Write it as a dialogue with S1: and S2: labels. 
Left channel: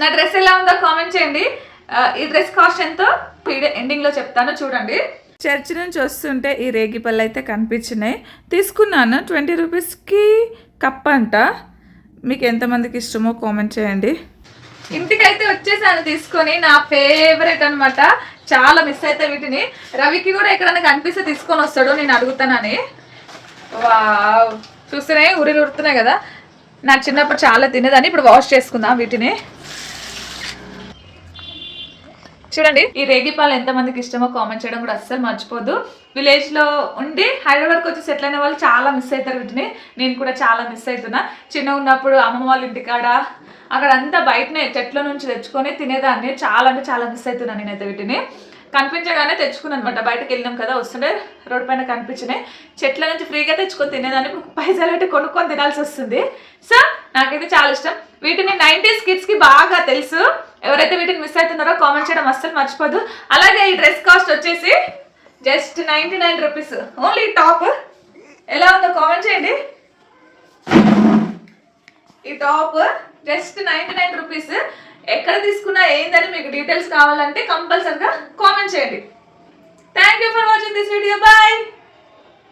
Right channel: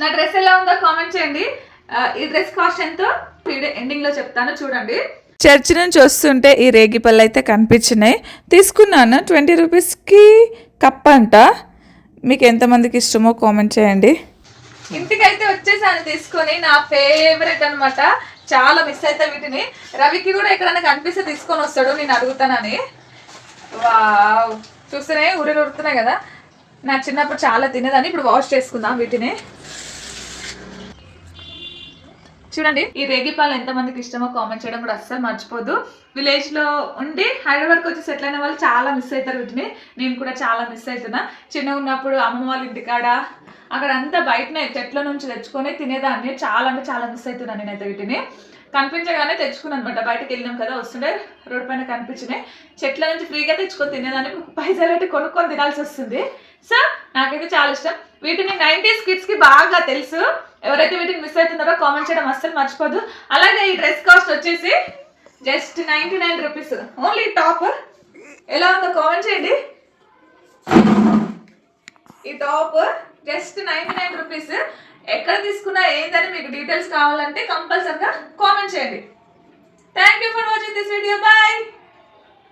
S1: నా డ్రెస్ ఎలా ఉందో కామెంట్ చేయండి. ఈ డ్రెస్ కాస్ట్ ఎంతో? వీడియో ఎండింగ్లో చెప్తాను చూడండి.
S2: చర్చ్ నుంచి వస్తుంటే ఈ రేగి పళ్ళు అయితే కనిపించినాయి. తీసుకున్నాను ట్వంటీ రూపీస్కి కప్ అంట. మీకు ఎంతమందికి ఇష్టమో కామెంట్ చేయండి.
S1: ఇంటికి అయితే వచ్చేసాను తీసుకొని నా ఫేవరెట్ అన్నమాట. చాలా మిస్ అయితే వీటిని. రవికి కూడా ఎక్కడైనా కనిపిస్తే తీసుకొని వస్తాడు నేను అడుగుతానని. వావ్ చూస్తేనే ఉరిలు ఉడుతున్నాయి కదా. నాకు చిన్నప్పుడు చాలా తినేదాన్ని ఇప్పుడు వాష్ చేసుకుందాం వీటిని. చూడండి ఈ రేగిపాలు ఎంతమందికి ఇష్టమో కామెంట్ చేయడం కూడా అస్సలు మర్చిపోదు విలేజ్లో ఉండి హైదరాబాద్కి వచ్చి సెటిల్ అయిన వాళ్ళు చాలా మిస్ అవుతారు వీటిని. నేను కూడా చాలా మిస్ అవుతున్నా. చిన్న ఉన్నప్పుడు అమ్మమ్మ వాళ్ళ ఇంటికాడ అక్కడ అంతా బయటనే చెట్ల నుంచి తెచ్చుకొని తినేదాన్ని. చాలా అంటే చాలా మిస్ అవుతున్నాను నేనైతే వీటిని. కనిపించగానే తెచ్చుకున్నాను అనమాట బయటకు వెళ్ళినాం కదా వస్తుంటే రోడ్ పైన కనిపించినాయి. చెట్ల నుంచి ఫ్రీగా తెచ్చుకొని తినేదాన్ని. పైసలు అయితే కొనుక్కొని తినాల్సి వస్తుంది. సో నాకైతే చాలా ఇష్టం. వీటిని నైంటీస్ కిడ్స్కి బాగా తెలుసు. ఎవరైతే వీటిని మిస్ అవుతున్నారో కామెంట్ చేయడం అస్సలు మర్చిపోదు. అలాగే ఈ డ్రెస్ కాస్ట్ వచ్చేసి just ninety nine rupees only top ఎలా ఉందో కామెంట్ చేయండి. ఈ top just ninety nine rupees ఎక్కడ తీసుకున్నా ఏందని మీకు డీటెయిల్స్ కావాలంటే కంపల్సరిగా కామెంట్ చేయండి. Thank you for watching this video bye